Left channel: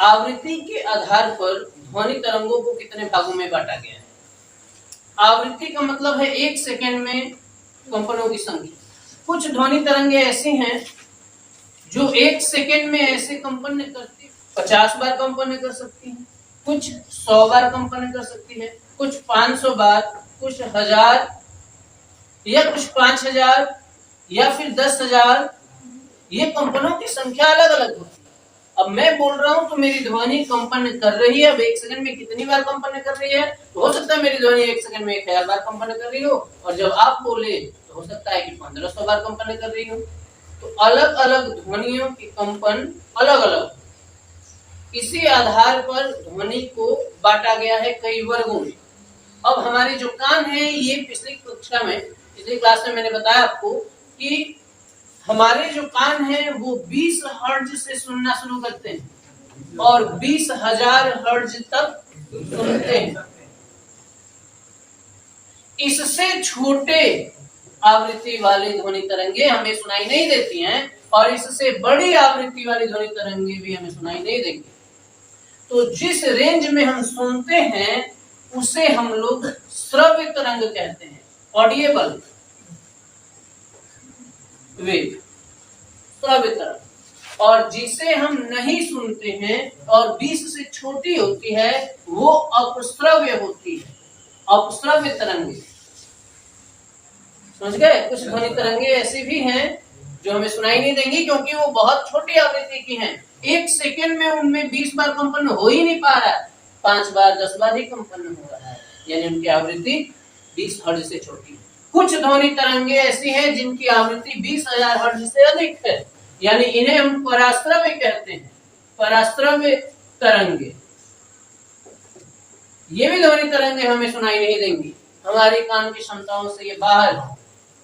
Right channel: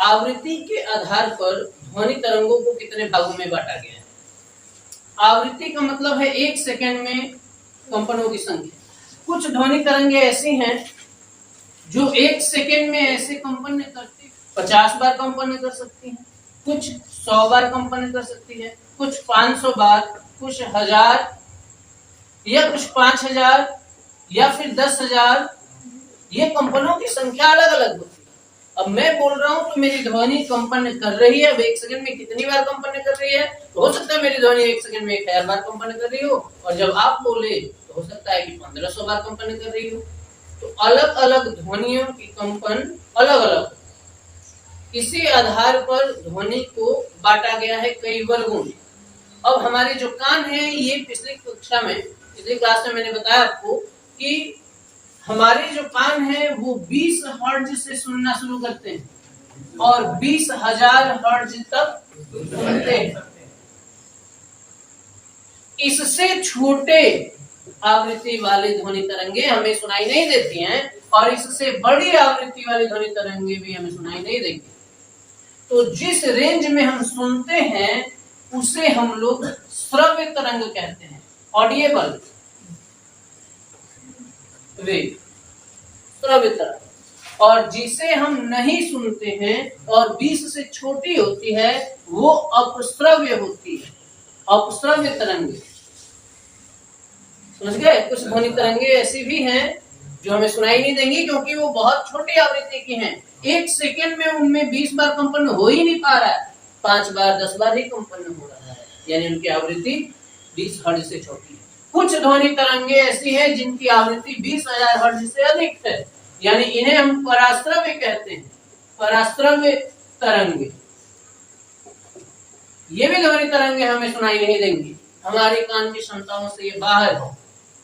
आवृत्ति के आधार पर ध्वनि तरंगों को कितने भागों में बांटा गया है। आवृत्ति का मतलब है 1 सेकेंड में कंपनों की संख्या। कुछ ध्वनि तरंगे ऐसी हैं जो 1 सेकेंड में ऐसे कंपन करती 50 बार कंपन कर सकती हैं, कुछ 100 बार कंपन कर सकती है, कुछ 500 बार, कुछ 1000 या कुछ 5000 या फिर 10,000। ये कंपनों की संख्या अलग अलग होती है। अब मैं बोल रहा हूं तो मेरी ध्वनि कंपन कर रही है। अब 1 सेकंड में कितनी बार कंपन कर रही है, तो हो सकता है मेरी ध्वनि 1 सेकंड में 1000 बार कंपन कर रही हो, और जब आप बोले तो हो सकता है कि 1500 बार कंपन कर रही हो। तो अलग अलग ध्वनियों की कंपन अलग अलग। इसी आधार पर ध्वनि को बांटा गया है कई वर्गों में। अब हमारे जो कान है, ये पिछली क्लास में मैंने बताया आपको कि हमारे जो कान है वो 20 हर्ट्ज से सुनना शुरू करते हैं और 20,000 हर्ट्ज तक सुनते हैं। इससे छोटे आवृत्ति वाली ध्वनि तरंगे हमें सुनाई नहीं देती हैं, और इससे बड़ी आवृत्ति वाली ध्वनि तरंगे भी हमें सुनाई नहीं देंगी। तो जिस रेंज में हम सुनते हैं उसे हम लोग श्रव्य तरंग कहते हैं, ऑडिएबल वेव, श्रव्य तरंग। और जिसे हम नहीं सुनते हैं और 20 से छोटी होती है वो अपश्रव्य होती है, अपश्रव्य तरंगे। समझ गए। कुछ ध्वनि तरंगे ऐसी भी हैं जो हमें सुनाई नहीं देंगी क्योंकि वो बहुत छोटी आवृत्ति की हैं। 1 सेकेंड में उनमें 20 बार कंपन हो ही नहीं पा रहा है, 5 बार 10 बार ही कंपन हो रहा है, यानी उनकी आवृत्ति 20 हर्ट्ज से छोटी है। कुछ ध्वनि तरंगे ऐसी हैं जिनकी आवृत्ति 20,000 हर्ट्ज से अधिक है, यानी इन्हें हम पराश्रव्य कहते हैं, पराश्रव्य तरंगे। ये भी ध्वनि तरंगे हमें सुनाई नहीं देंगी, हमारे कान की क्षमताओं से ये बाहर है।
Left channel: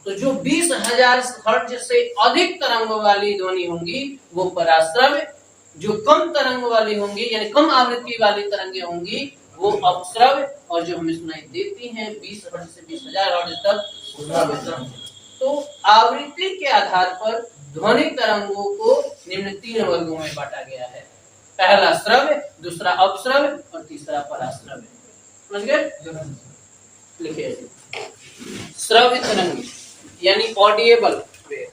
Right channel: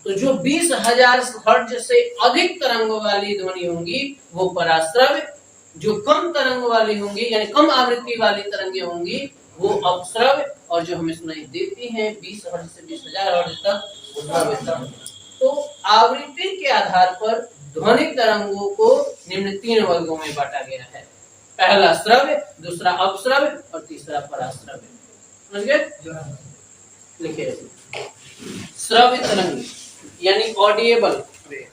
तो जो 20,000 हर्ट्ज से अधिक तरंग वाली ध्वनि होंगी वो पराश्रव्य, जो कम तरंग वाली होंगी यानी कम आवृत्ति वाली तरंगे होंगी वो अपश्रव्य, और जो हमें सुनाई देती हैं 20 हर्ट्ज से 20,000 हर्ट्ज तक श्रव्य। तो आवृत्ति के आधार पर ध्वनि तरंगों को निम्न 3 वर्गों में बांटा गया है। पहला श्रव्य, दूसरा अपश्रव्य और तीसरा पराश्रव्य। समझ गए। लिखिए श्रव्य तरंग यानी ऑडिएबल वेव।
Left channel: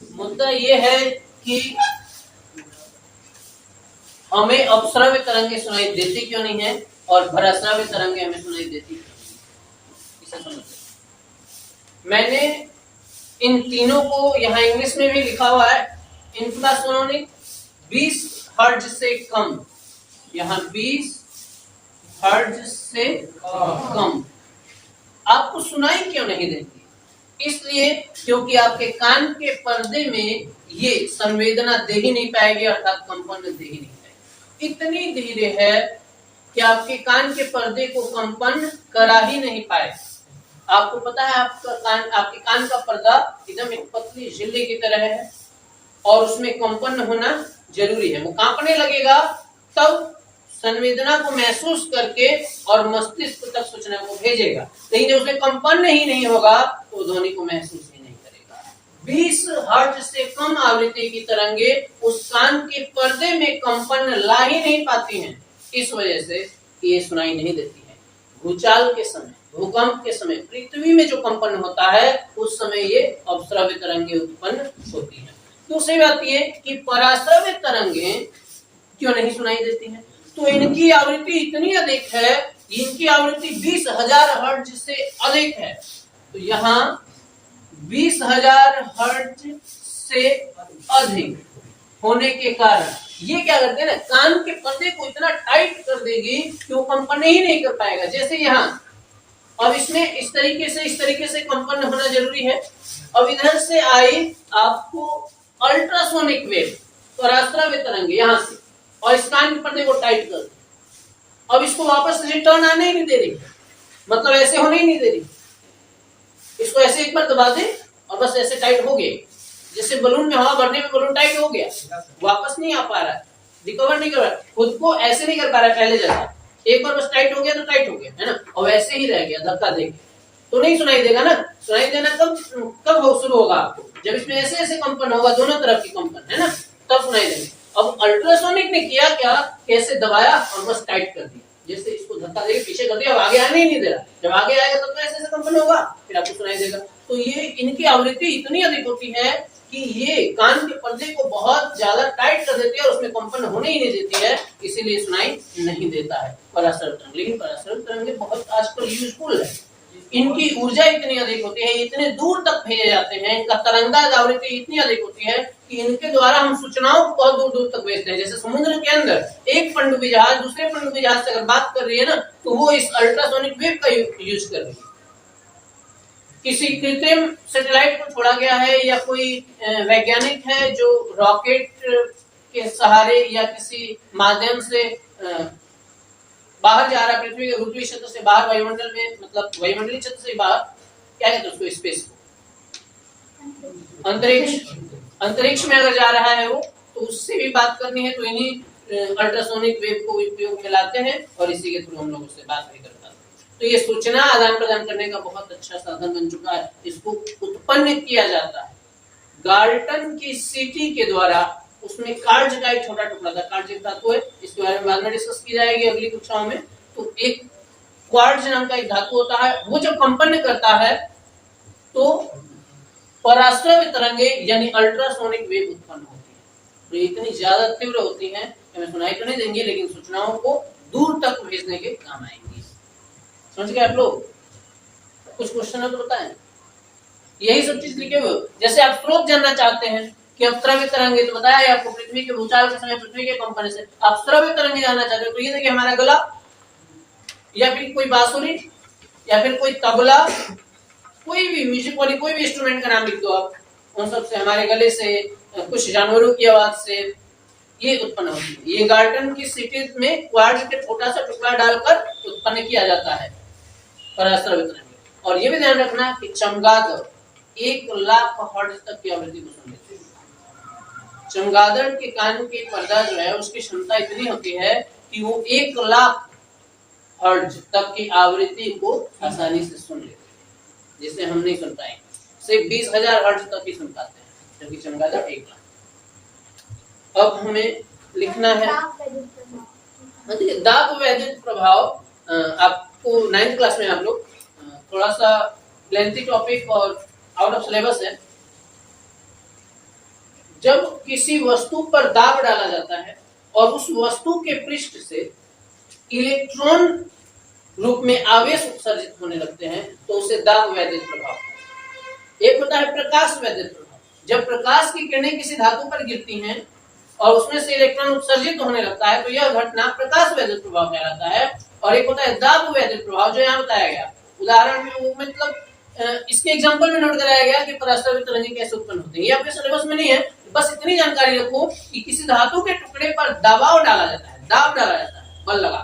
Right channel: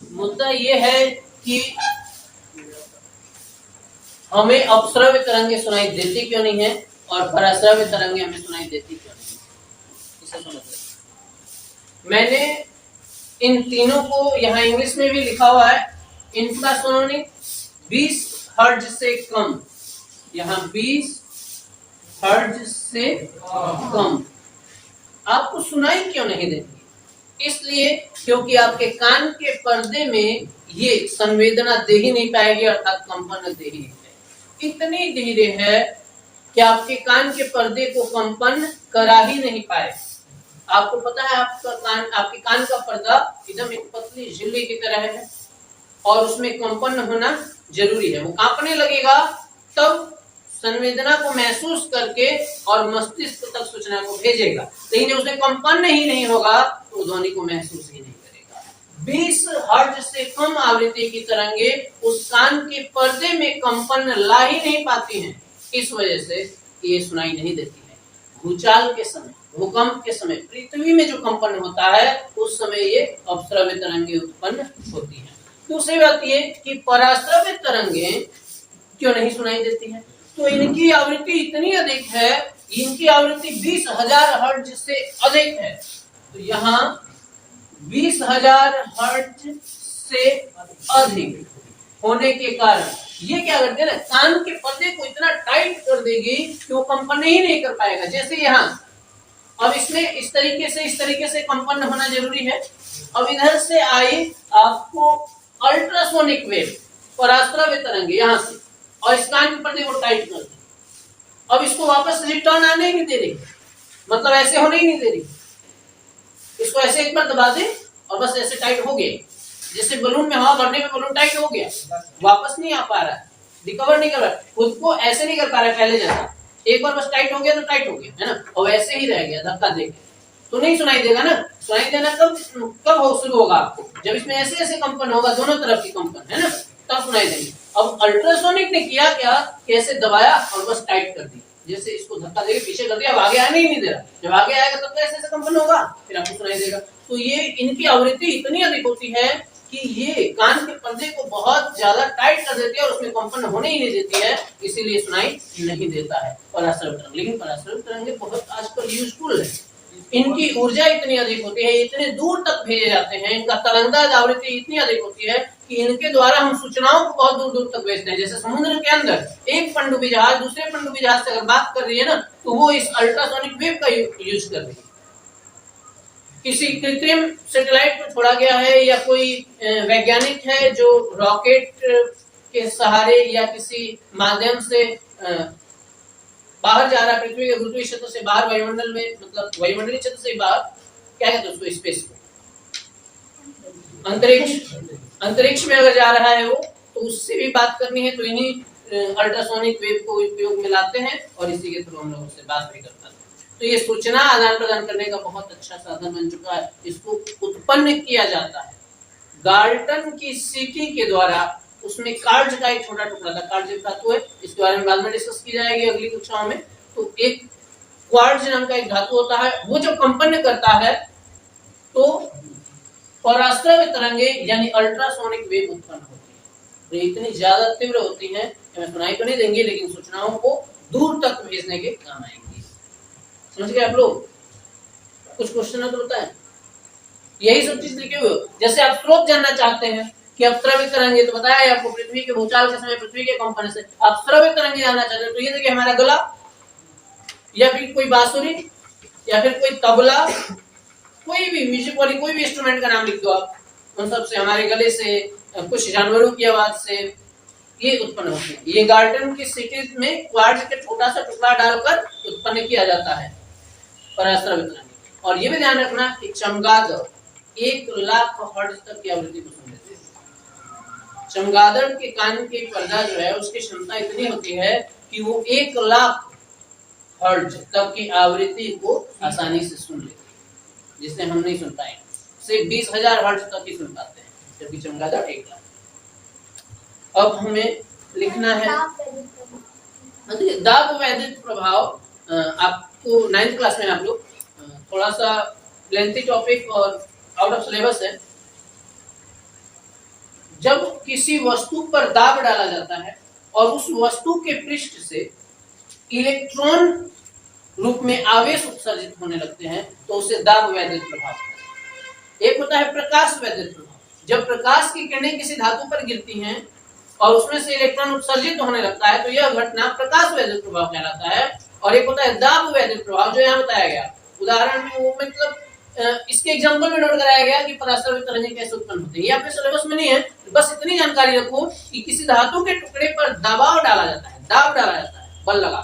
मुद्दा ये है कि हमें अपश्रव्य तरंगे सुनाई देती क्यों नहीं है और पराश्रव्य तरंगे हमें सुनाई देती क्यों नहीं, इसे समझते। मैंने इन तीनों को यहाँ इंग्लिश में भी लिखा हुआ है। इंफ्रासोनिक 20 हर्ट्ज से कम, यहाँ 20 हर्ट्ज से कम आपको सुनाई क्यों नहीं देंगी, इसलिए क्योंकि आपके कान के पर्दे में ये संवेदना दे ही नहीं पाएगी, अर्थात कंपन दे ही नहीं पाएगी। इतनी धीरे है कि आपके कान के पर्दे को कंपन करा ही नहीं पाए। आपको पता है आपके कान का पर्दा एकदम एक पतली झिल्ली की तरह है और उसमें कंपन होना जरूरी है। वो कांपने लगेगा तब संवेदना को महसूस करके और मस्तिष्क तक सूचना को भेजेगा, लेकिन उसमें कंपन ही नहीं होगा तो ध्वनि को महसूस ही नहीं करेगा। 20 हर्ट्ज से कम आवृत्ति की तरंगे उस कान के पर्दे में कंपन ला ही नहीं पाती हैं, इस वजह से ये सुनाई नहीं देती है। भूचाल के समय, भूकंप के समय, पृथ्वी में जो कंपन होता है उस समय ये अपश्रव्य तरंगे उत्पन्न होती है। दूसरी बात ये कि पराश्रव्य तरंगे क्यों नहीं सुनाई देती है, तो इनकी आवृत्ति इतनी अधिक है, इनकी आवृत्ति 20,000 हर्ट्ज से अधिक है। तो यहाँ 20,000 हर्ट्ज से अधिक होने के कारण ये क्या करते हैं ना, कान के पर्दे को इतना टाइट कर देगी कि वो कंपन ही नहीं कर पाएगा। जैसे यहाँ अब इसमें इस तरीके से कंपन होना जरूरी है। अब इधर से आई आपको अल्ट्रासोनिक वेव, पराश्रव्य तरंगे यहाँ से, और इस कान के पर्दे को टाइट कर दी। अब इसको वापस रिटर्न आने ही नहीं दे रही, मतलब ऐसे होने ही नहीं दे रही। इसको ऐसे एक बार दबा दे और बस ऐसे टाइट हो गया, जैसे बलून में हवा भरने में बलून टाइट हो गया, वापस नहीं आ पा रहा है, रिकवर नहीं कर रहा है, खुद को ऐसे नहीं कर पा रहा है पहले जैसा। एक बार बस टाइट हो गया तो टाइट हो गया, है ना, और वैसे ही रह गया धक्का दे के, तो नहीं सुनाई देगा ना। सुनाई देना कब शुरू होगा आपको, जब इसमें ऐसे ऐसे कंपन होगा, दोनों तरफ की कंपन, है ना, तब सुनाई देंगे। अब अल्ट्रासोनिक ने किया क्या, कैसे दबाया और बस टाइट कर दिया, जैसे इसको धक्का देके पीछे कर दिया, अब आगे आने ही नहीं दे रहा, जब आगे आएगा तब तो ऐसे कंपन होगा, फिर आपको सुनाई देगा। तो ये इनकी आवृत्ति इतनी अधिक होती है कि ये कान के पर्दे को बहुत ज्यादा टाइट कर देती है और उसमें कंपन होने ही नहीं देती है, इसीलिए सुनाई नहीं देता है पराश्रवित तरंग। लेकिन पराश्रवित तरंगे बहुत आजकल यूजफुल है, इनकी ऊर्जा इतनी अधिक होती है, इतने दूर तक भेजे जाते हैं, इनका तरंगदार्ढ्य आवृत्ति इतनी अधिक होती है कि इनके द्वारा हम सूचनाओं को बहुत दूर दूर तक भेजते हैं। जैसे समुद्र के अंदर एक पनडुब्बी जहाज दूसरे पनडुब्बी जहाज से अगर बात कर रही है ना, तो वो इस अल्ट्रासोनिक वेव का यूज कर रही है। किसी कृत्रिम सैटेलाइट को छोड़ा गया है या कोई वैज्ञानिक है जो रॉकेट के सहारे या किसी माध्यम से बाहर जा रहा है, पृथ्वी के गुरुत्वीय क्षेत्र से बाहर, वायुमंडल में, मतलब वायुमंडलीय क्षेत्र से बाहर, क्या कहते हैं उसको, स्पेस को, अंतरिक्ष में अगर जा रहा है वो, तो उससे भी बात करनी है तो इन्हीं अल्ट्रासोनिक वेव को उपयोग में लाते हैं और इसी के थ्रू हम लोग उससे बात भी कर पाते हैं। तो ये सूचना आदान प्रदान करने का बहुत अच्छा साधन बन चुका है। इसको उत्पन्न किया जाता है गाल्टन की सीटी के द्वारा। उसमें कार्ज का एक छोटा टुकड़ा था, कार्ज एक धातु है, इसके बारे में बाद में डिस्कस की जाएगी अगली कक्षाओं में। तो एक क्वार्ट्ज नाम का एक धातु होता है, वो जब कंपन करता है तो पराश्रवित तरंगे यानी अल्ट्रासोनिक वेव उत्पन्न होती है। तो इतनी ज्यादा तीव्र होती हैं, हमें सुनाई तो नहीं देंगी लेकिन सूचनाओं को दूर तक भेजने के काम आएंगी। समझ गए आप लोग? कुछ क्वेश्चन है तो बताएं। यही सब चीज लिखे हुए, जैसे आप स्रोत जानना चाहते हैं कि अब स्रवित तरंगे, तो बताया आपको पृथ्वी के भूचाल के समय पृथ्वी के कंपन से। आप स्रवित तरंगे जानना चाहते हैं तो ये देखिए हमारा गला, या फिर कोई बांसुरी, या फिर कोई तबला, कोई भी म्यूजिक वाली कोई भी इंस्ट्रूमेंट का नाम लिख दो आप, उन सब से, हमारे गले से, कुछ जानवरों की आवाज से ये उत्पन्न होती है। ये गाल्टन की सिटी में क्वार्ट्ज के छोटा सा टुकड़ा डालकर उत्पन्न किया जाता है पराश्रवित तरंगे। और ये भी ध्यान रखना कि चमगादड़ 1,00,000 हर्ट्ज तक की आवृत्ति को सुन लेते हैं। चमगादड़ के कान की पर्दा जो है उसकी क्षमता इतनी होती है कि वो 1,00,000 हर्ट्ज तक की आवृत्ति को आसानी से सुन लेते हैं, जिसे हम नहीं सुन पाएंगे। सिर्फ 20,000 हर्ट्ज तक ही सुन पाते हैं, जबकि चमगादड़ 1,00,000। अब हमें लिखना है दाब वैद्युत प्रभाव। आपको 9th क्लास में आप लोग, थोड़ा सा लेंथी टॉपिक और आउट ऑफ सिलेबस है। जब किसी वस्तु पर दाब डाला जाता है और उस वस्तु के पृष्ठ से इलेक्ट्रॉन रूप में आवेश उत्सर्जित होने लगते हैं तो उसे दाब वैद्युत प्रभाव। एक होता है प्रकाश वैद्युत प्रभाव, जब प्रकाश की किरणें किसी धातु पर गिरती हैं और उसमें से इलेक्ट्रॉन उत्सर्जित होने लगता है तो यह घटना प्रकाश वैद्युत प्रभाव कहलाता है। और एक होता है दाब वैद्युत प्रभाव, जो यहाँ बताया गया उदाहरण में, वो मतलब इसके एग्जांपल में नोट कराया गया कि पराश्रवित तरंगे कैसे उत्पन्न होते हैं। ये आपके सिलेबस में नहीं है, बस इतनी जानकारी रखो कि किसी धातु के टुकड़े पर दबाव डाला जाता है, दाब डाला जाता है, बल लगा,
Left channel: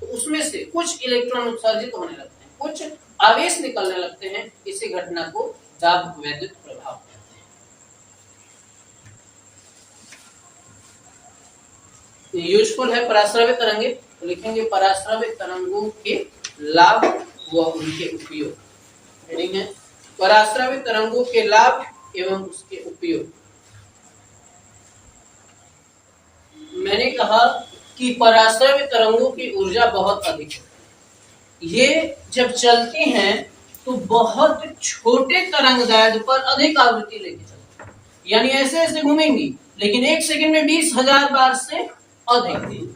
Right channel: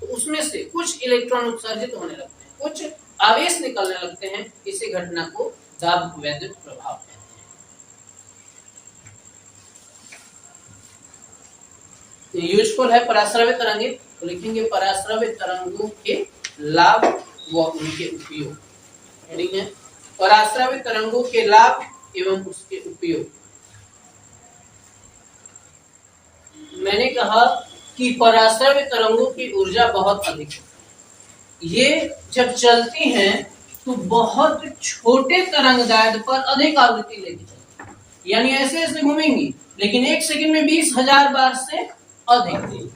तो उसमें से कुछ इलेक्ट्रॉन उत्सर्जित होने लगते हैं, कुछ आवेश निकलने लगते हैं। इसी घटना को दाब वैद्युत प्रभाव कहते हैं। यूजफुल है पराश्रवित तरंगे, तो लिखेंगे पराश्रवित तरंगों के लाभ व उनके उपयोग। हेडिंग है पराश्रवित तरंगों के लाभ एवं उसके उपयोग। मैंने कहा कि पराश्रवित तरंगों की ऊर्जा बहुत अधिक है। ये जब चलती हैं तो बहुत छोटे तरंगदैर्ध्य पर अधिक आवृत्ति लेके चलती है, यानी ऐसे ऐसे घूमेंगी लेकिन 1 सेकंड में 20,000 बार से अधिक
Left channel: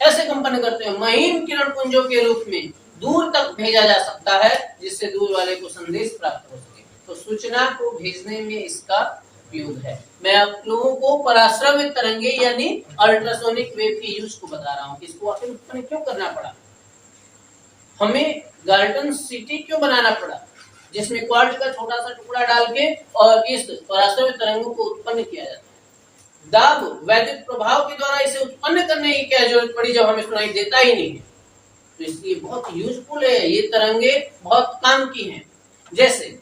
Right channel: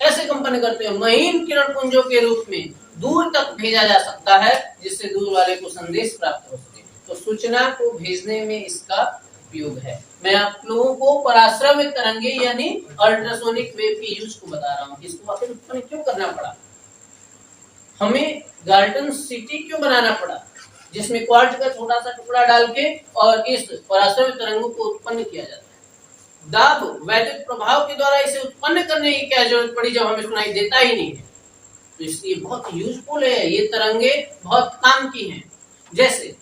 ऐसे कंपन करते हैं। महीन किरण पुंजों के रूप में दूर तक भेजा जा सकता है, जिससे दूर वाले को संदेश प्राप्त हो सके। तो सूचना को भेजने में इसका उपयोग है। मैं आप लोगों को पराश्रवित तरंगे यानी अल्ट्रासोनिक वेव के यूज को बता रहा हूँ कि इसको आखिर उत्पन्न क्यों करना पड़ा, हमें गाल्टन सिटी क्यों बनाना पड़ा, जिसमें क्वार्ट्ज का छोटा सा टुकड़ा डाल के और इस पराश्रवित तरंगों को उत्पन्न किया जाता है। दाब वैद्युत प्रभाव के द्वारा इसे उत्पन्न करने की क्या जरूरत पड़ी जब हमें सुनाई देता ही नहीं है। तो इसलिए बहुत यूजफुल है, ये तरंगे बहुत काम की हैं। जैसे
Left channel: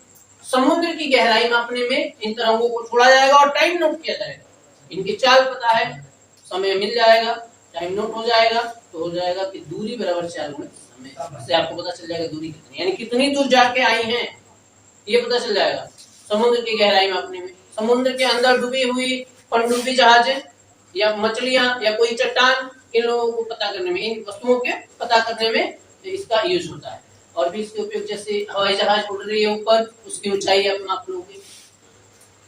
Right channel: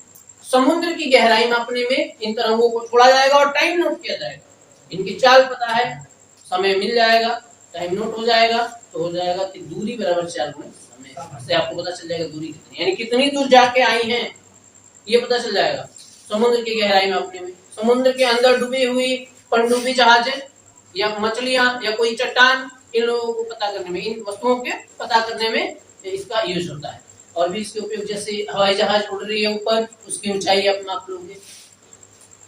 समुद्र की गहराई मापने में इन तरंगों को छोड़ा जाएगा और टाइम नोट किया जाएगा। इनकी चाल पता है, समय मिल जाएगा, टाइम नोट हो जाएगा, तो हो जाएगा कि दूरी बराबर 4 गुना समय से आपको पता चल जाएगा दूरी कितनी, यानी कितनी दूर जाके आई हैं ये पता चल जाएगा समुद्र की गहराई मापने में। समुद्र के अंदर डूबी हुई पनडुब्बी जहाजें या मछलियां या कोई चट्टान, इन लोगों को पता करने में, इन वस्तुओं के पता करने में इसका यूज होता है। और भी इसके उपयोग जैसे हवाई जहाज उड़ रही है ऊपर, उसकी ऊंचाई आप नाप लोगे।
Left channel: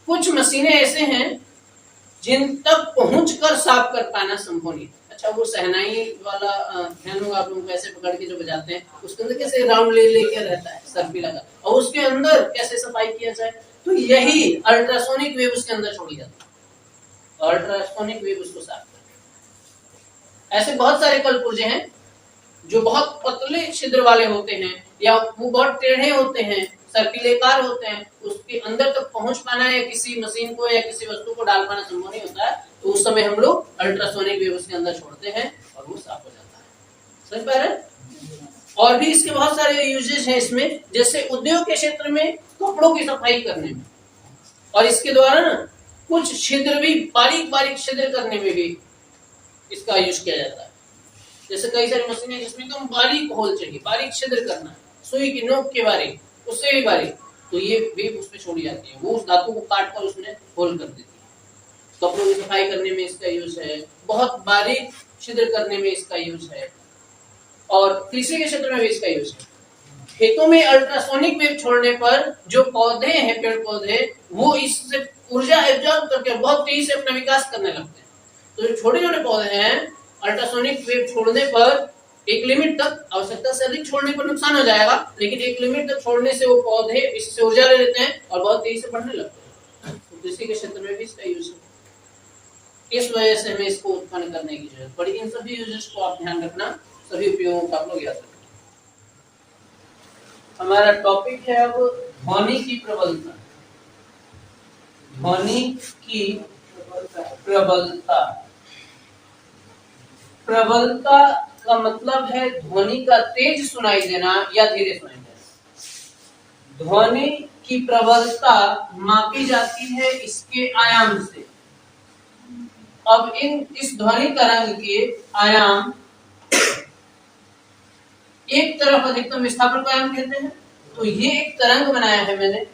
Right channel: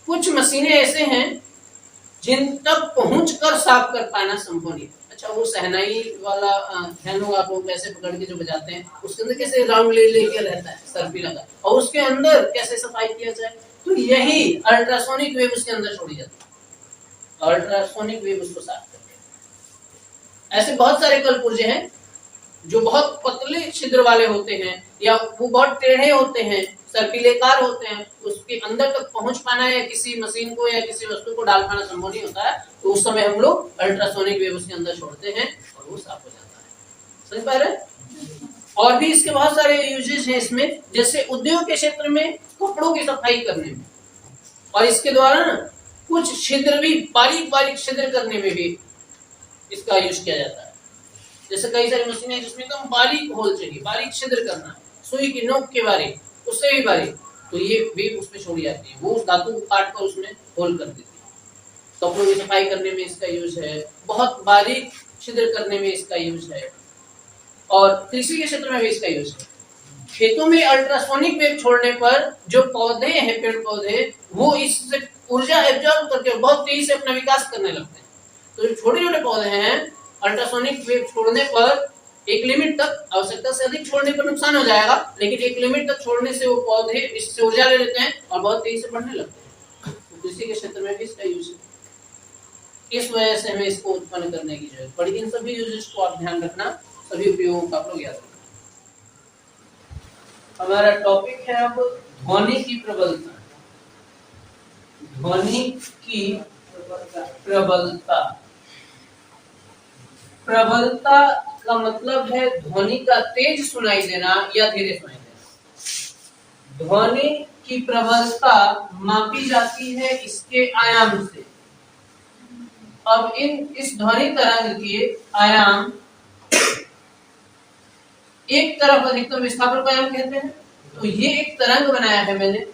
कुछ मशीनें ऐसे हैं जिन तक पहुंचकर साफ कर पाना संभव नहीं। अच्छा, वो शहनाई वाला ध्यान होगा आप लोग, कैसे पकड़ के जो बजाते हैं, उसके अंदर कैसे राउंड ले लेके रहता है सर्फी लगा, और उसके अंदर कैसे सफाई किया जाए, तो यही अल्ट्रासोनिक वेव उसके अंदर छोड़ी जाती है। अल्ट्रासोनिक वेव उसको साफ करती है। ऐसे बहुत सारे कलपुर्जे हैं जो बहुत पतले छिद्र वाले होते हैं, या वो बहुत टेढ़े होते हैं, सर्पिलेकार होते हैं, उसके अंदर तक पहुंच पाना या किसी मशीन को या किसी वस्तु को डाल पाना संभव नहीं होता है, तो उस समय हम लोग अल्ट्रासोनिक वेव उसके अंदर छोड़ते हैं और वो साफ हो जाता है। समझ पा रहे? और भी इसके बहुत सारे यूजेस हैं इसमें, जैसे उद्योग के क्षेत्र में कपड़ों की सफाई करने में, और इसके द्वारा ना कुछ छिद्र भी, बारीक बारीक छिद्र करने में भी इसका यूज किया जाता है। जैसे कई सारी मशीनें जिसमें एकदम बारीक होल चाहिए, बारीक छिद्र करना, सुई की नोक के बारीक, उससे भी बारीक, तो ये वेव उसमें छोड़ी जाती है, वो उस धातु को काट कर उसमें होल कर देती है। कपड़ों की सफाई करने में इसका यूज है, बहुत बारीक छिद्र करने में इसका यूज है, और कृषि के क्षेत्र में भी इसका यूज है। खेतों में अल्ट्रासोनिक वेव छोड़ने पर जो पौधे हैं, पेड़ पौधे, वो इससे ऊर्जा एब्जॉर्ब करके बहुत तेजी से अपना विकास करने लगते हैं। तो जो छोटे छोटे पौधे हैं, अल्ट्रासोनिक वेव छोड़ने पर एक लिमिट तक, आवश्यकता से अधिक छोड़ने पर नुकसान हो जाएगा, लेकिन एक लिमिट तक छोड़ने से वो पौधे इससे ऊर्जा ले लेते हैं और बहुत तेजी से बढ़ने लगते हैं। तो कृषि के क्षेत्र में भी इसका यूज है। इस वजह से हमें इसको उत्पन्न करने की जरूरत पड़ी। इन सभी यूजेस को आप ध्यान रखना, सभी उपयोगों का आप लोग याद रखना। हमारा टॉपिक है अब ध्वनि की प्रबलता। ध्वनि की प्रबलता। प्रबलता का मतलब है ध्वनि का तेज सुनाई देना या धीरे सुनाई देना। ध्वनि की प्रबलता मापी जाती है इसके आयाम से। अब इस ध्वनि तरंग के आयाम, एक तरफ अधिकतम विस्थापन का आयाम कहते हैं, तो ये एक तरंग बनाया है मैंने,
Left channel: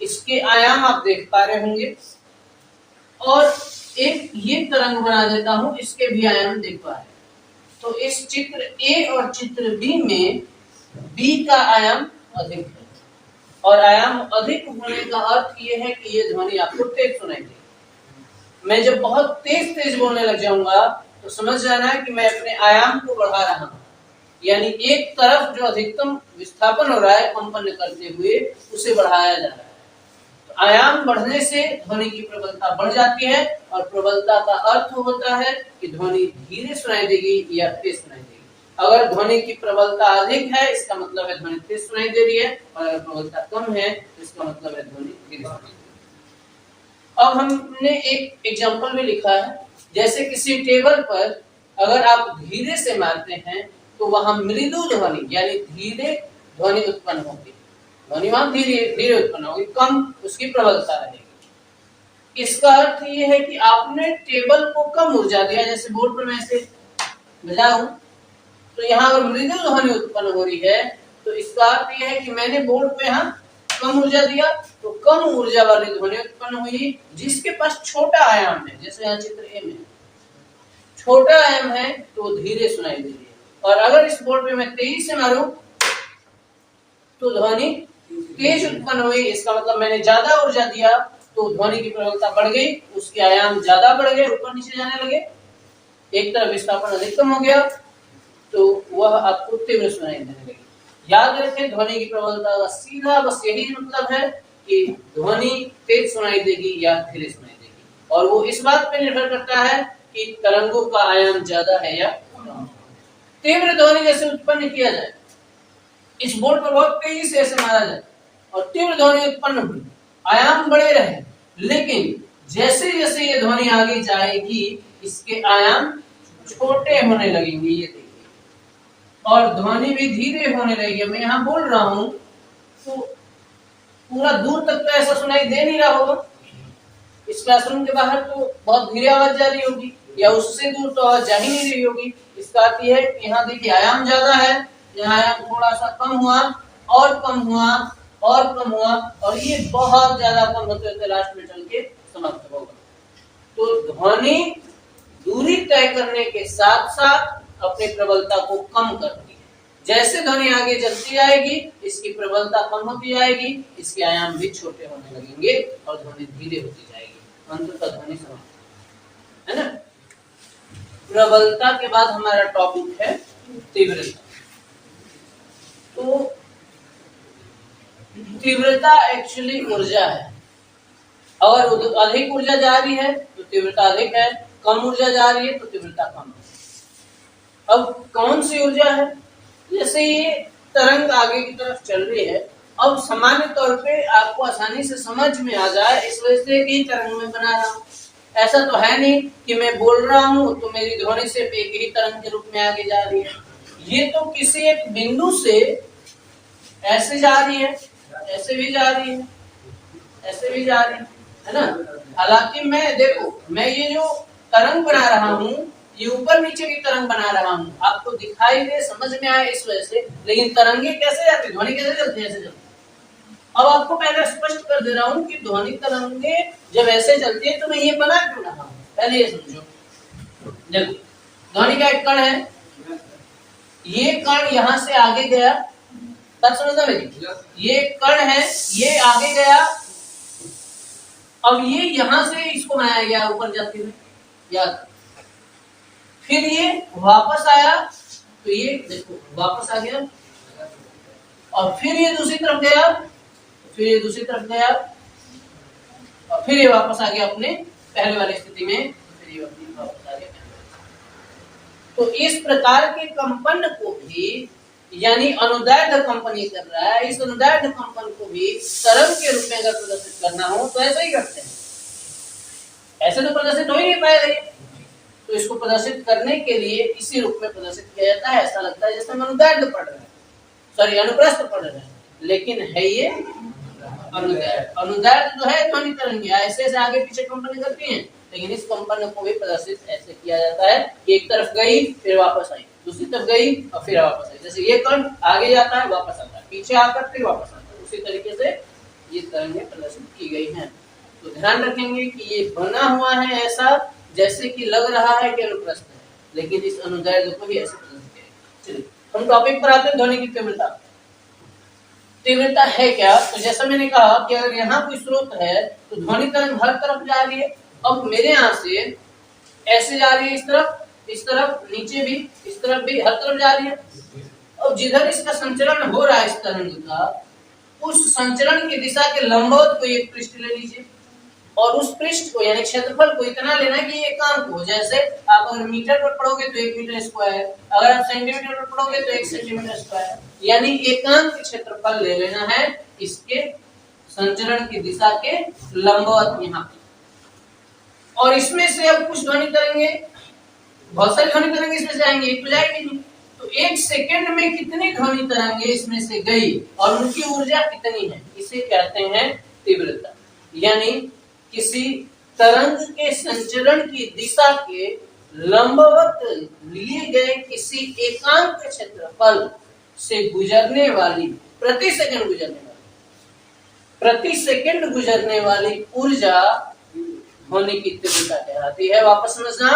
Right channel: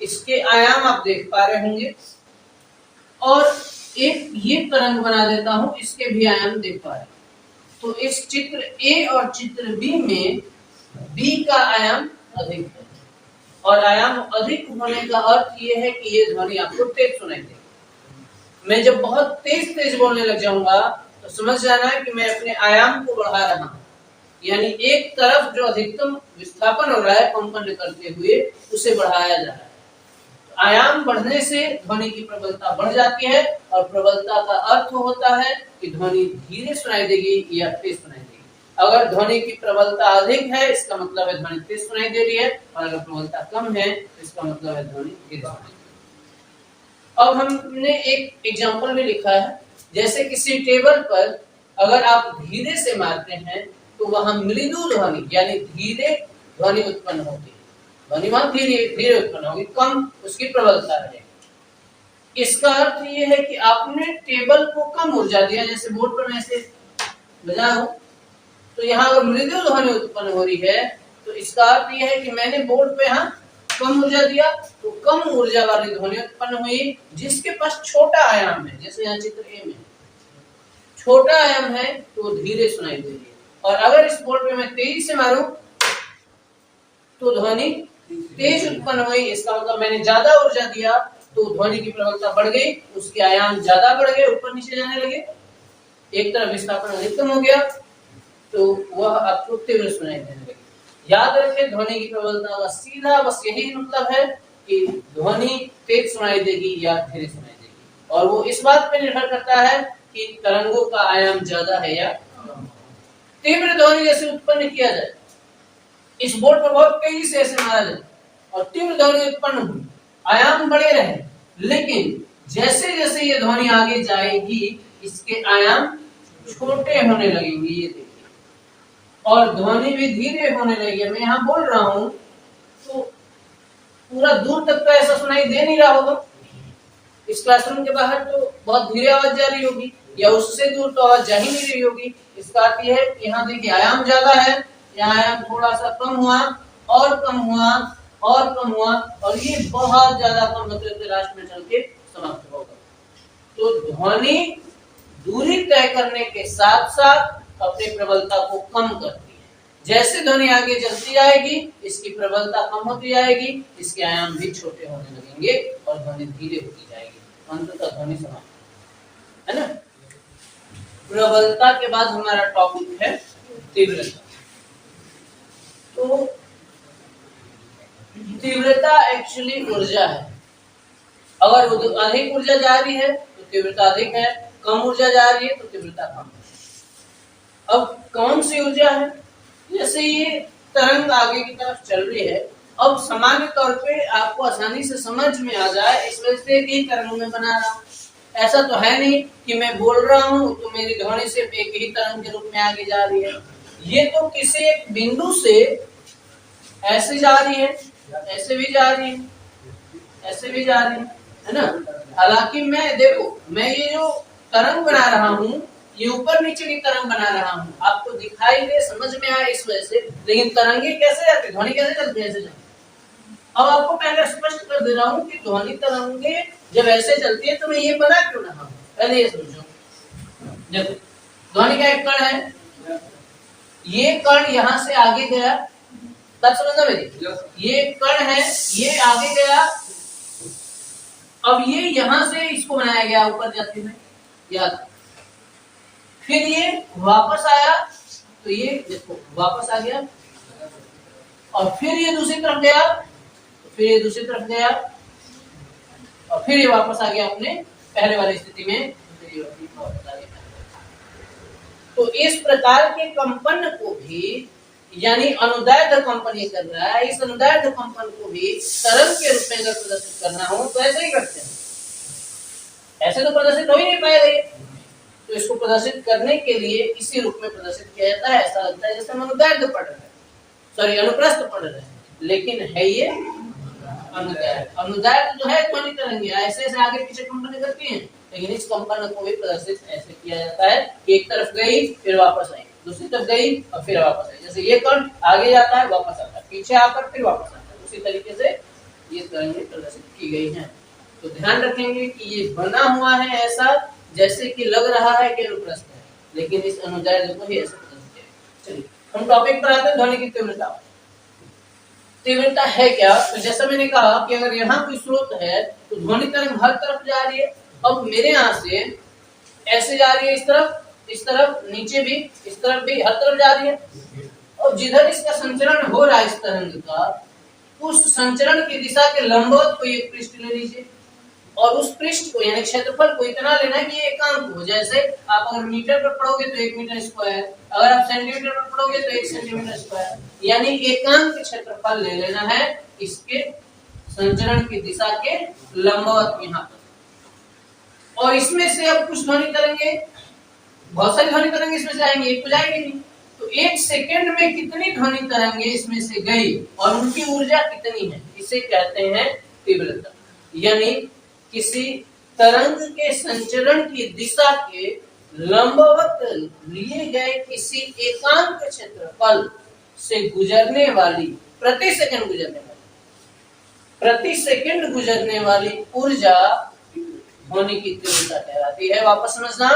इसके आयाम आप देख पा रहे होंगे, और एक ये तरंग बना देता हूं, इसके भी आयाम देख पा रहे हैं। तो इस चित्र ए और चित्र बी में बी का आयाम अधिक है, और आयाम अधिक होने का अर्थ ये है कि ये ध्वनि आपको तेज सुनाई देगी। मैं जब बहुत तेज तेज बोलने लग जाऊंगा तो समझ जाना है कि मैं अपने आयाम को बढ़ा रहा हूं, यानी एक तरफ जो अधिकतम विस्थापन हो रहा है कंपन करते हुए, उसे बढ़ाया जा रहा है। आयाम बढ़ने से ध्वनि की प्रबलता बढ़ जाती है, और प्रबलता का अर्थ होता है कि ध्वनि धीरे सुनाई देगी या तेज सुनाई देगी। अगर ध्वनि की प्रबलता अधिक है, इसका मतलब है ध्वनि तेज सुनाई दे रही है, और अगर प्रबलता कम है, तो इसका मतलब है ध्वनि धीरे सुनाई दे रही है। अब हमने एक एग्जांपल में लिखा है, जैसे किसी टेबल पर अगर आप धीरे से मारते हैं तो वहां मृदु ध्वनि यानी धीरे ध्वनि उत्पन्न होगी। ध्वनि वहां धीरे धीरे उत्पन्न होगी, कम उसकी प्रबलता रहेगी। इसका अर्थ ये है कि आपने टेबल को कम ऊर्जा दिया, जैसे बोर्ड पर मैं ऐसे बजा हूं, तो यहाँ अगर मृदु ध्वनि उत्पन्न हो रही है, तो इसका अर्थ यह है कि मैंने बोर्ड पे यहाँ कम ऊर्जा दिया, तो कम ऊर्जा वाली ध्वनि उत्पन्न हुई, जिसके पास छोटा आयाम है। जैसे यहाँ चित्र ए में छोटा आयाम है तो धीरे सुनाई दे रही है, और अगर इस बोर्ड पे मैं तेजी से मारूं तो ध्वनि तेज उत्पन्न हुई। इसका मतलब मैंने ज्यादा ऊर्जा दिया तो ध्वनि की प्रबलता बढ़ गई, उसके आयाम ज्यादा बढ़ गए, ऊपर नीचे जाने लगे, एक तरफ विस्थापन अधिकतम हो गया, तो वह आपको तीव्र सुनाई देने लगी। याद रखें, ध्वनि की प्रबलता का सीधा बस यही मतलब है कि ध्वनि तेज सुनाई देगी या धीरे सुनाई देगी, और वो इस बात पे निर्भर करता है कि तरंगों का आयाम ज्यादा है या कम। तीव्र ध्वनि जैसे उत्पन्न किया जाए, इस बोर्ड पर बहुत तेजी से ऐसे मारा जाए और तीव्र ध्वनि उत्पन्न हुई, आयाम बड़े रहे, लेकिन जैसे जैसे ये ध्वनि आगे जाएगी इसके आयाम छोटे होने लगेंगे, ये देखिए, और ध्वनि भी धीरे होने लगेगी। मैं यहाँ बोल रहा हूँ तो पूरा दूर तक तो ऐसा सुनाई दे नहीं रहा होगा, इस क्लासरूम के बाहर तो बहुत धीरे आवाज जा रही होगी, या उससे दूर तो आवाज जा ही नहीं रही होगी। इसका अर्थ यह है कि यहाँ देखिए आयाम ज्यादा है, यहाँ आयाम थोड़ा सा कम हुआ और कम हुआ और कम हुआ, और ये बहुत ज्यादा कम होते होते लास्ट में चल के समाप्त होगा। तो ध्वनि दूरी तय करने के साथ साथ अपनी प्रबलता को कम करती है। जैसे ध्वनि आगे चलती जाएगी इसकी प्रबलता कम होती जाएगी, इसके आयाम भी छोटे होने लगेंगे और ध्वनि धीरे होती जाएगी, अंततः ध्वनि समाप्त, है ना। प्रबलता के बाद हमारा टॉपिक है तीव्रता। तो तीव्रता एक्चुअली ऊर्जा है। अगर अधिक ऊर्जा जा रही है तो तीव्रता अधिक है, कम ऊर्जा जा रही है तो तीव्रता कम है। अब कौन सी ऊर्जा है? जैसे ये तरंग आगे की तरफ चल रही है, अब सामान्य तौर पे आपको आसानी से समझ में आ जाए इस वजह से कि तरंग में बना रहा हूं। ऐसा तो है नहीं कि मैं बोल रहा हूं तो मेरी ध्वनि सिर्फ एक ही तरंग के रूप में आगे जा रही है। ये तो किसी एक बिंदु से ऐसे जा रही है, ऐसे भी जा रही है, ऐसे भी जा रही है ना। हालांकि मैं देखो, मैं ये जो तरंग बना रहा हूँ ये ऊपर नीचे की तरंग बना रहा हूँ, आपको दिखाई दे, समझ में आया इस वजह से। लेकिन तरंगे कैसे जाती, ध्वनि कैसे चलती है? ऐसे चलती। अब आपको पहले स्पष्ट कर दे रहा हूँ कि ध्वनि तरंगे जब ऐसे चलती है तो मैं ये बना क्यों रहा हूँ, पहले ये समझो। देखो ध्वनि का एक कण है, ये कण यहाँ से आगे गया, बात समझना मेरी। ये कण है, ये आगे गया, अब ये यहां से इसको बनाया गया ऊपर जाती है, याद। फिर ये वापस आया तो ये देखो वापस आ गया, और फिर ये दूसरी तरफ गया, फिर ये दूसरी तरफ गया, और फिर ये वापस आ गया अपने पहले वाली स्थिति में, फिर ये वापस आ गया। तो इस प्रकार के कंपन को भी, यानी अनुदैर्ध्य कंपन ये कर रहा है, इस अनुदैर्ध्य कंपन को भी तरंग के रूप में अगर प्रदर्शित करना हो तो ऐसे ही करते हैं। ऐसे तो प्रदर्शित हो ही नहीं पाएगा, तो इसको प्रदर्शित करने के लिए इसी रूप में प्रदर्शित किया जाता है। ऐसा लगता है जैसे हम अनुदैर्ध्य पढ़ रहे हैं, सॉरी अनुप्रस्थ पढ़ रहे हैं, लेकिन है ये अनुदैर्ध्य। अनुदैर्ध्य जो है ध्वनि तरंग ऐसे ऐसे आगे पीछे कंपन करती हैं, लेकिन इस कंपन को भी प्रदर्शित ऐसे किया जाता है कि एक तरफ गई फिर वापस आई, दूसरी तरफ गई और फिर वापस आई। जैसे ये कण आगे जाता है वापस आता है, पीछे आकर फिर वापस आता है, उसी तरीके से ये तरंगें प्रदर्शित की गई हैं। तो ध्यान रखेंगे कि ये बना हुआ है ऐसा जैसे कि लग रहा है कि अनुप्रस्थ है, लेकिन इस अनुदैर्ध्य को भी ऐसे प्रदर्शित किया है। चलिए हम टॉपिक पर आते हैं, ध्वनि की तीव्रता। तीव्रता है क्या? तो जैसा मैंने कहा कि अगर यहाँ कोई स्रोत है तो ध्वनि तरंग हर तरफ जा रही है। अब मेरे यहाँ से ऐसे जा रही है, इस तरफ नीचे भी, इस तरफ भी, हर तरफ जा रही है। अब जिधर इसका संचरण हो रहा है इस तरंग का, उस संचरण की दिशा के लंबवत कोई एक पृष्ठ ले लीजिए, और उस पृष्ठ को यानी क्षेत्रफल को इतना लेना कि ये एकांक हो। जैसे आप अगर मीटर पर पढ़ोगे तो 1 मीटर स्क्वायर, अगर आप सेंटीमीटर पर पढ़ोगे तो 1 सेंटीमीटर स्क्वायर, यानी एकांक क्षेत्रफल ले लेना है इसके संचरण की दिशा के लंबवत यहाँ पर। और इसमें से अब कुछ ध्वनि तरंगे, बहुत सारी ध्वनि तरंगे इसमें से आएंगे, एक तो जाएगी नहीं। तो 1 सेकंड में कितनी ध्वनि तरंगे इसमें से गई और उनकी ऊर्जा कितनी है, इसे कहते हैं तीव्रता। यानी किसी तरंग के संचरण की दिशा के लंबवत लिए गए किसी एकांक क्षेत्रफल से गुजरने वाली, प्रति सेकंड गुजरने वाली ऊर्जा ध्वनि की तीव्रता कहलाती है। वापस समझना,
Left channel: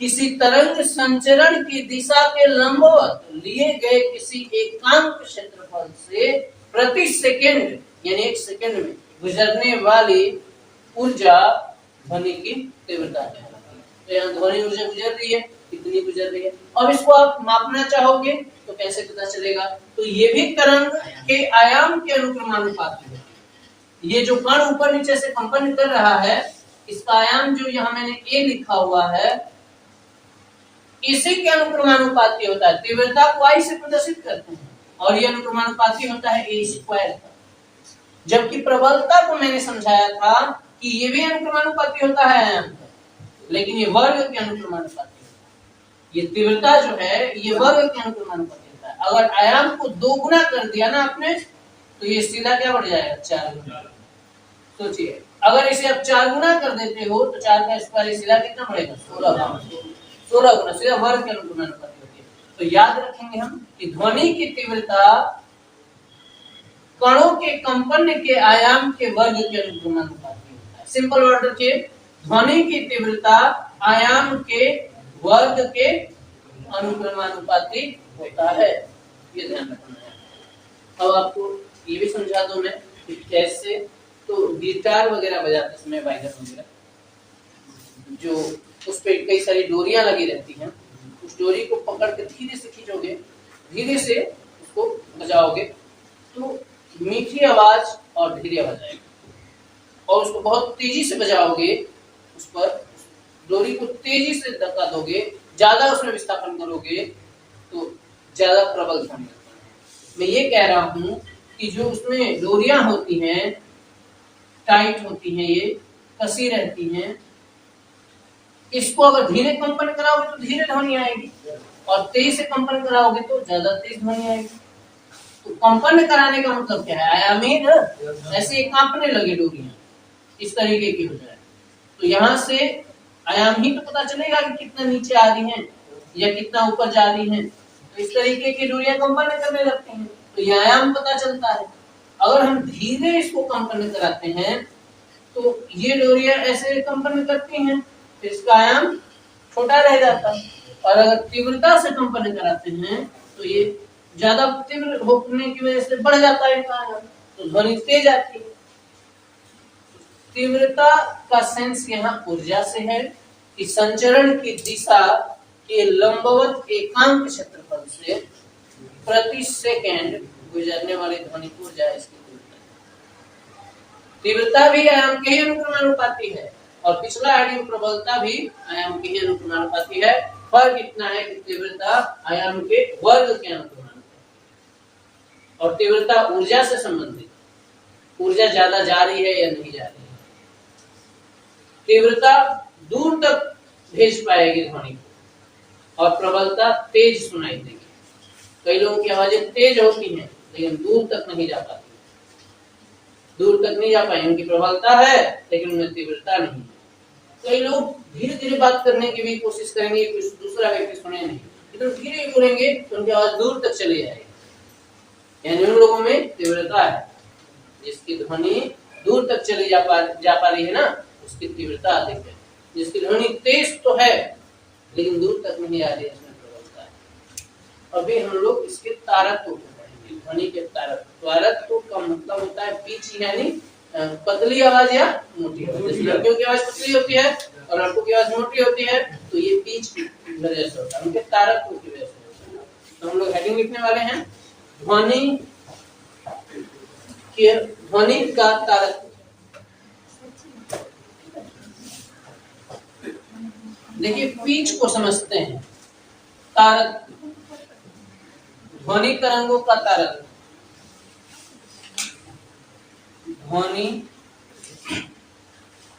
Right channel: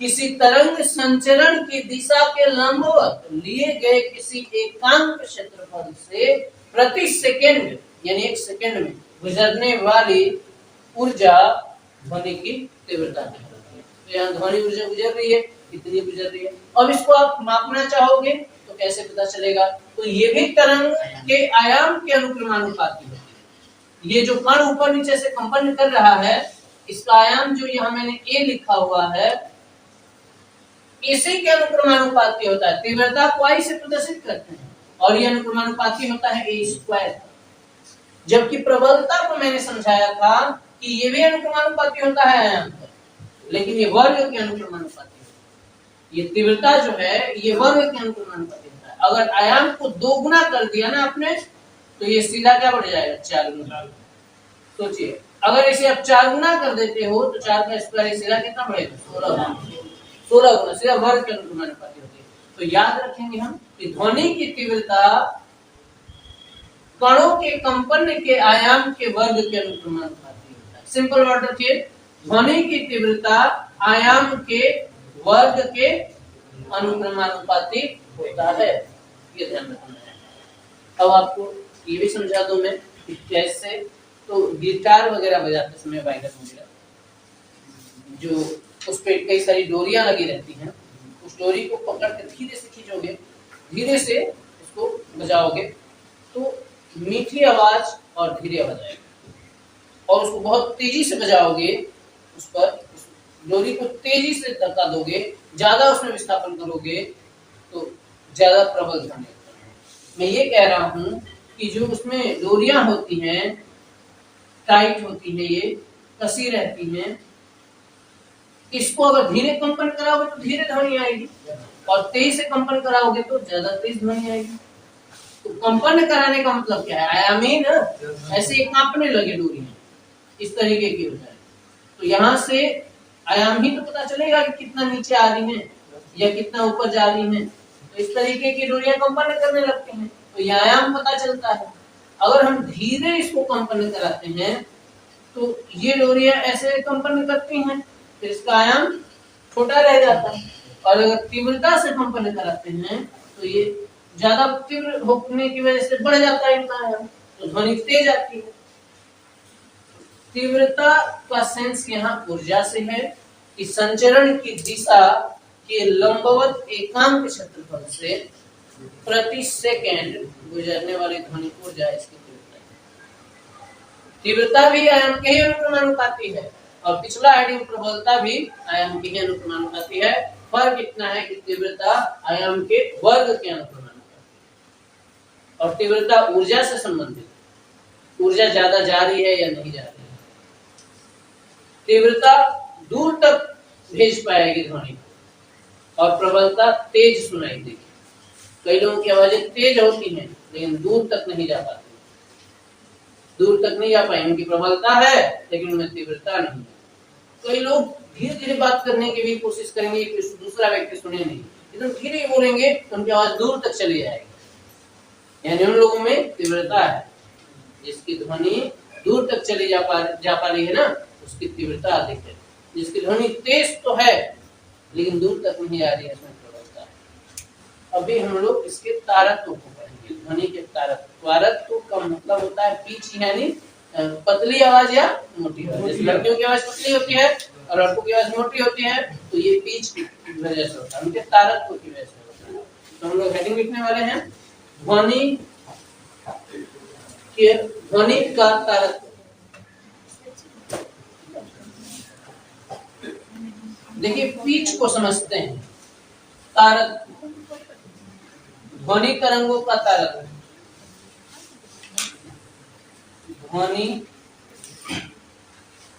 किसी तरंग संचरण की दिशा के लंबवत लिए गए किसी एकांक क्षेत्रफल से प्रति सेकंड यानी 1 सेकंड में गुजरने वाली ऊर्जा ध्वनि की तीव्रता कहलाती है। तो यहाँ ध्वनि ऊर्जा गुजर रही है, कितनी गुजर रही है। अब इसको आप मापना चाहोगे तो कैसे पता चलेगा? तो ये भी तरंग के आयाम के अनुक्रमानुपाती है। ये जो कण ऊपर नीचे से कंपन कर रहा है, इसका आयाम जो यहाँ मैंने ए लिखा हुआ है, इसी के अनुक्रमानुपाती होता है। तीव्रता को आई से प्रदर्शित करते हैं और ये अनुक्रमानुपाती होता है ए स्क्वायर। जबकि प्रबलता को मैंने समझाया था कि ये भी अनुक्रमानुपाती होता है आयाम का, लेकिन ये वर्ग के अनुक्रमानुपाती है। ये तीव्रता जो है ये वर्ग के अनुक्रमानुपाती होता है। अगर आयाम को 2 गुना कर दिया ना आपने, तो ये सीधा क्या बढ़ जाएगा? 4 गुना। सोचिए, अगर इसे आप 4 गुना कर देते हो तो 4 का स्क्वायर सीधा कितना बढ़ेगा? 16 गुना, सीधा वर्ग के अनुक्रमानुपाती होती है। तो याद रखेंगे हम कि ध्वनि की तीव्रता कणों के कंपन के आयाम के वर्ग के अनुक्रमानुपाती होता है। सिंपल वर्ड रखिए, ध्वनि की तीव्रता आयाम के वर्ग के अनुक्रमानुपाती होता है, ये ध्यान रखना है। अब आपको ये भी समझा दूं मैं कि कैसे, तो गिटार वगैरह बजाते समय वायलिन वगैरह जो उस पे कई सारी डोरियां लगी रहती हैं, उस डोरी को पकड़ के धीरे से खींचोगे, धीरे से उसको बजाओगे तो मीठी आवाज और धीरे आवाज आएगी, और उसको बहुत तेजी से बजाओगे, उस पर डोरी को तेजी से धक्का दोगे, ज्यादा उसमें विस्थापन करोगे तो ज्यादा प्रबल ध्वनि होता है। मैं ये कह रहा हूं कि जो उसमें डोरियां होती हैं, टाइट होती हैं, ये कसी रहती हैं, इसको अगर धीरे कंपन कराओगे तो धीरे ध्वनि आएगी, और तेज से कंपन कराओगे तो ज्यादा तेज ध्वनि आएगी। तो कंपन कराने का मतलब क्या है? आयामी ना, ऐसे कांपने लगे डोरियां, इस तरीके की हो जाए तो यहाँ से आयाम ही तो पता चलेगा कि कितना नीचे आ रही हैं या कितना ऊपर जा रही हैं। तो इस तरीके की डोरियां कंपन करने लगती हैं तो ये आयाम पता चलता है। अगर हम धीरे इसको कंपन कराते हैं तो ये डोरियां ऐसे कंपन करती हैं, फिर इसका आयाम छोटा रह जाता है। और अगर तीव्रता से कंपन कराते हैं तो ये ज्यादा तीव्र होने की वजह से बढ़ जाता है इनका आयाम, तो ध्वनि तेज आती है। तीव्रता का सेंस यहाँ ऊर्जा से है कि संचरण की दिशा के लंबवत एकांक क्षेत्रफल से प्रति सेकंड गुजरने वाली ध्वनि ऊर्जा इसकी तीव्रता भी आयाम के ही अनुक्रमानुपाती है, और पिछला हेडिंग प्रबलता भी आयाम के ही अनुक्रमानुपाती है। फर्क इतना है कि तीव्रता आयाम के वर्ग के अनुक्रमानुपाती, और तीव्रता ऊर्जा से संबंधित, ऊर्जा ज्यादा जा रही है या नहीं जा रही है। तीव्रता दूर तक भेज पाएगी ध्वनि को, और प्रबलता तेज सुनाई देगी। कई लोगों की आवाजें तेज होती हैं लेकिन दूर तक नहीं जा पाती, दूर तक नहीं जा पाएंगे, उनकी प्रबलता है लेकिन उनमें तीव्रता नहीं है। कई लोग धीरे धीरे बात करने की भी कोशिश करेंगे कि दूसरा व्यक्ति सुने नहीं, इतना धीरे बोलेंगे तो उनकी आवाज दूर तक चली जाएगी। यानी उन लोगों में तीव्रता है, जिसकी ध्वनि दूर तक चली जा पा रही है ना, उसकी तीव्रता अधिक है। जिसकी ध्वनि तेज तो है लेकिन दूर तक नहीं आ रही है, इसमें प्रबलता है। अभी हम लोग इसके तारत्व को पढ़ेंगे, ध्वनि के तारत्व। तारत्व का मतलब होता है पिच, यानी पतली आवाज या मोटी आवाज। जैसे लड़कियों की आवाज पतली होती है और लड़कों की आवाज मोटी होती है, तो ये पिच की वजह से होता है, उनके तारत्व की वजह से होता है। तो हम लोग हेडिंग लिखने वाले हैं ध्वनि का तारत्व। देखिए पिच को समझते हैं, तारत्व, ध्वनि तरंगों का तारत्व। ध्वनि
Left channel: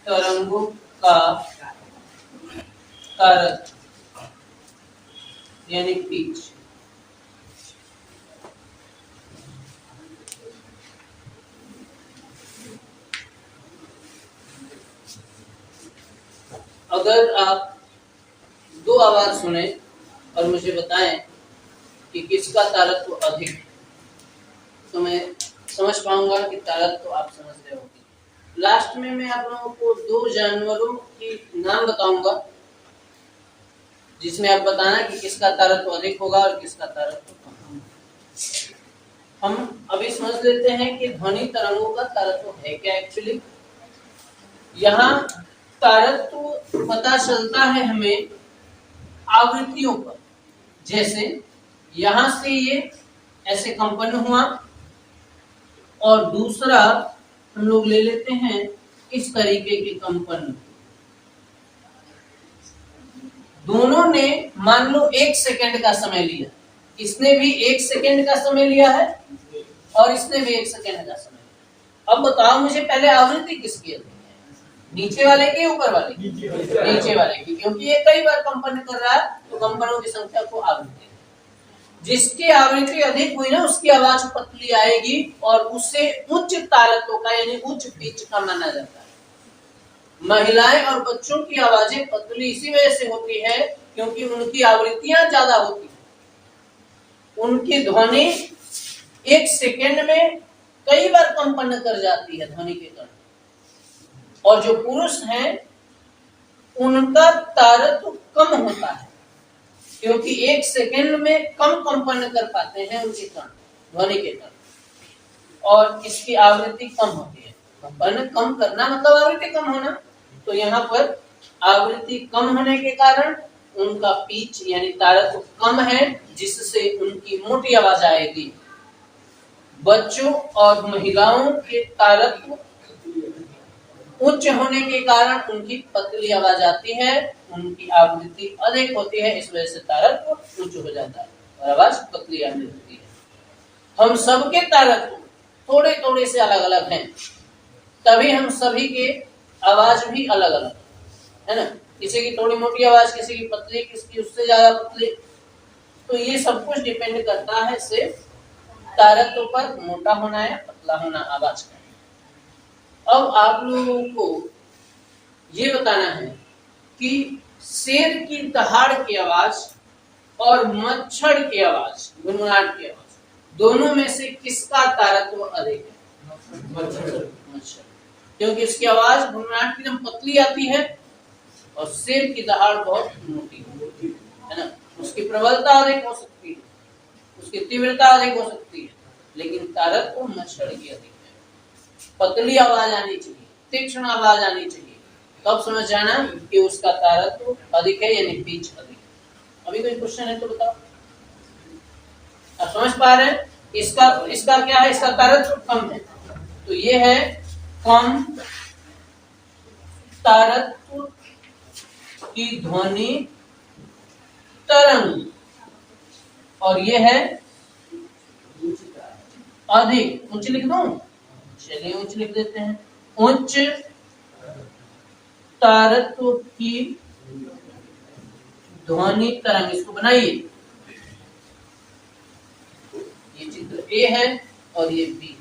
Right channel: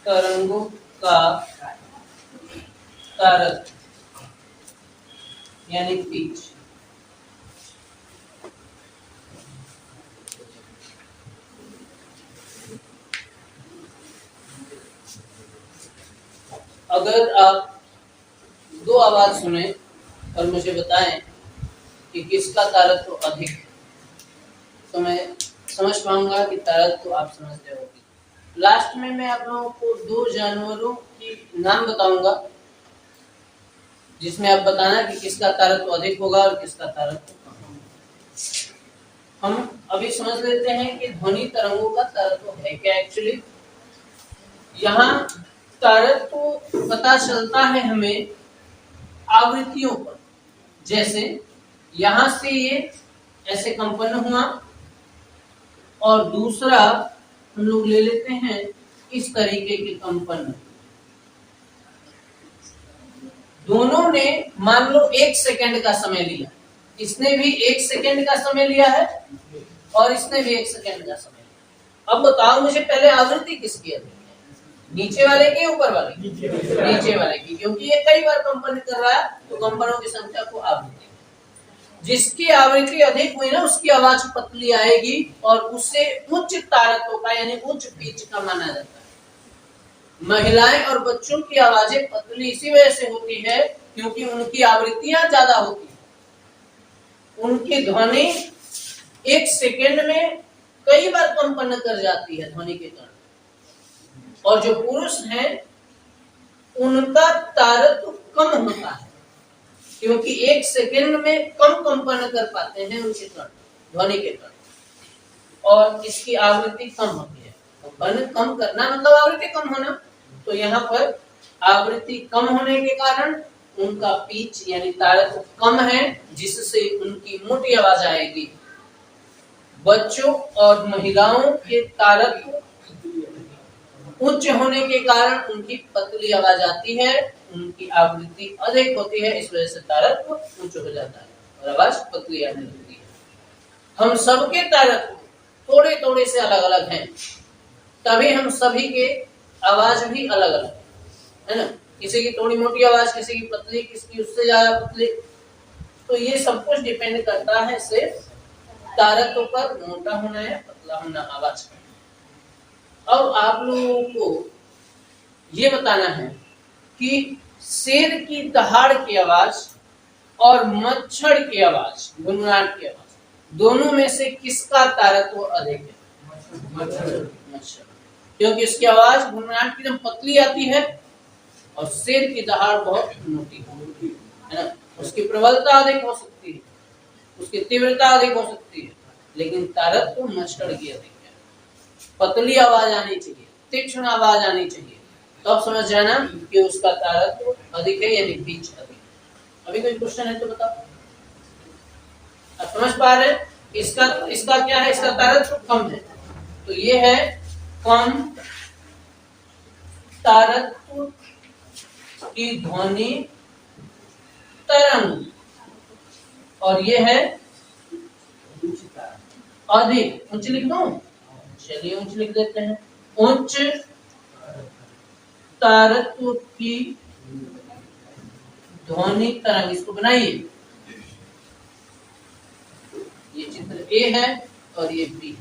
तरंगों का तारत्व यानी पिच। अगर आप दो आवाज सुने और मुझे बताएं कि किसका तारत्व अधिक है, तो मैं समझ पाऊंगा कि तारत्व आप समझ रहे होंगे। लास्ट में मैं आप लोगों को दो जानवरों की नाम बताऊंगा, जिसमें आप बताना कि किसका तारत्व अधिक होगा और किसका तारत्व कम होगा। हम अभी समझ लेते हैं कि ध्वनि तरंगों का तारत्व है क्या। एक्चुअली यहाँ तारत्व पता चलता है हमें आवृत्तियों पर। जैसे यहां से ये ऐसे कंपन हुआ, और दूसरा हम लोग ले लेते हैं इस तरीके के कंपन। दोनों ने मान लो 1 सेकंड का समय लिया, इसने भी 1 सेकंड का समय लिया है और इसने भी 1 सेकंड का समय लिया। अब बताओ मुझे पहले आवृत्ति किसकी है, नीचे वाले की ऊपर वाले की? नीचे वाले की, क्योंकि ये कई बार कंपन कर रहा है तो कंपनों की संख्या को आवृत्ति। जिसकी आवृत्ति अधिक हुई ना उसकी आवाज पतली आएगी और उसे उच्च तारत्व का यानी उच्च पिच का माना जाता है। महिलाएं और बच्चों की आवाजें पतली इसी वजह से होती है क्योंकि उनकी आवृत्तियां ज्यादा होती है। उनकी ध्वनि 1 सेकंड में कई बार कंपन कर जाती है ध्वनि के कारण। और जो पुरुष हैं उनका तारत्व कम होता है, क्योंकि 1 सेकंड में कम कंपन कर पाते हैं उनके कण, ध्वनि के कण, और इसकी आवृत्ति कम होती है। कंपन कम करना मतलब आवृत्ति कम होना। तो यहाँ पर आवृत्ति कम होने के कारण उनका पिच यानी तारत्व कम है, जिससे उनकी मोटी आवाज आएगी। बच्चों और महिलाओं के तारत्व उच्च होने के कारण उनकी पतली आवाज आती है, उनकी आवृत्ति अधिक होती है, इस वजह से तारत्व उच्च हो जाता है और आवाज पतली आने लगती है। हम सबके तारत्व थोड़े थोड़े से अलग अलग हैं, तभी हम सभी के आवाज भी अलग अलग है ना। किसी की थोड़ी मोटी आवाज, किसी की पतली, किसी की उससे ज्यादा पतली। तो ये सब कुछ डिपेंड करता है सिर्फ तारत्व पर, मोटा होना है पतला होना आवाज का। अब आप लोगों को ये बताना है कि शेर की दहाड़ की आवाज और मच्छर की आवाज, गुनगुनाहट की आवाज, दोनों में से किसका तारत्व अधिक है? मच्छर, क्योंकि उसकी आवाज गुनगुनाहट की एकदम पतली आती है और शेर की दहाड़ बहुत मोटी है ना। उसकी प्रबलता अधिक हो सकती है, उसकी तीव्रता अधिक हो सकती है, लेकिन तारत्व मच्छर की अधिक है। पतली आवाज आनी चाहिए, तीक्ष्ण आवाज आनी चाहिए, तब तो समझ जाना कि उसका तारत्व अधिक है यानी पिच अधिक है। अभी कोई क्वेश्चन है तो बताओ। आप समझ पा रहे हैं? इसका क्या है? इसका तारत्व कम है, तो ये है कम तारत्व की ध्वनि तरंग, और ये है अधिक। उच्च लिख दूं? चलिए उच्च लिख देते हैं। उच्च तारत्व की ध्वनि तरंग, इसको बनाइए। ये चित्र ए है और ये बी।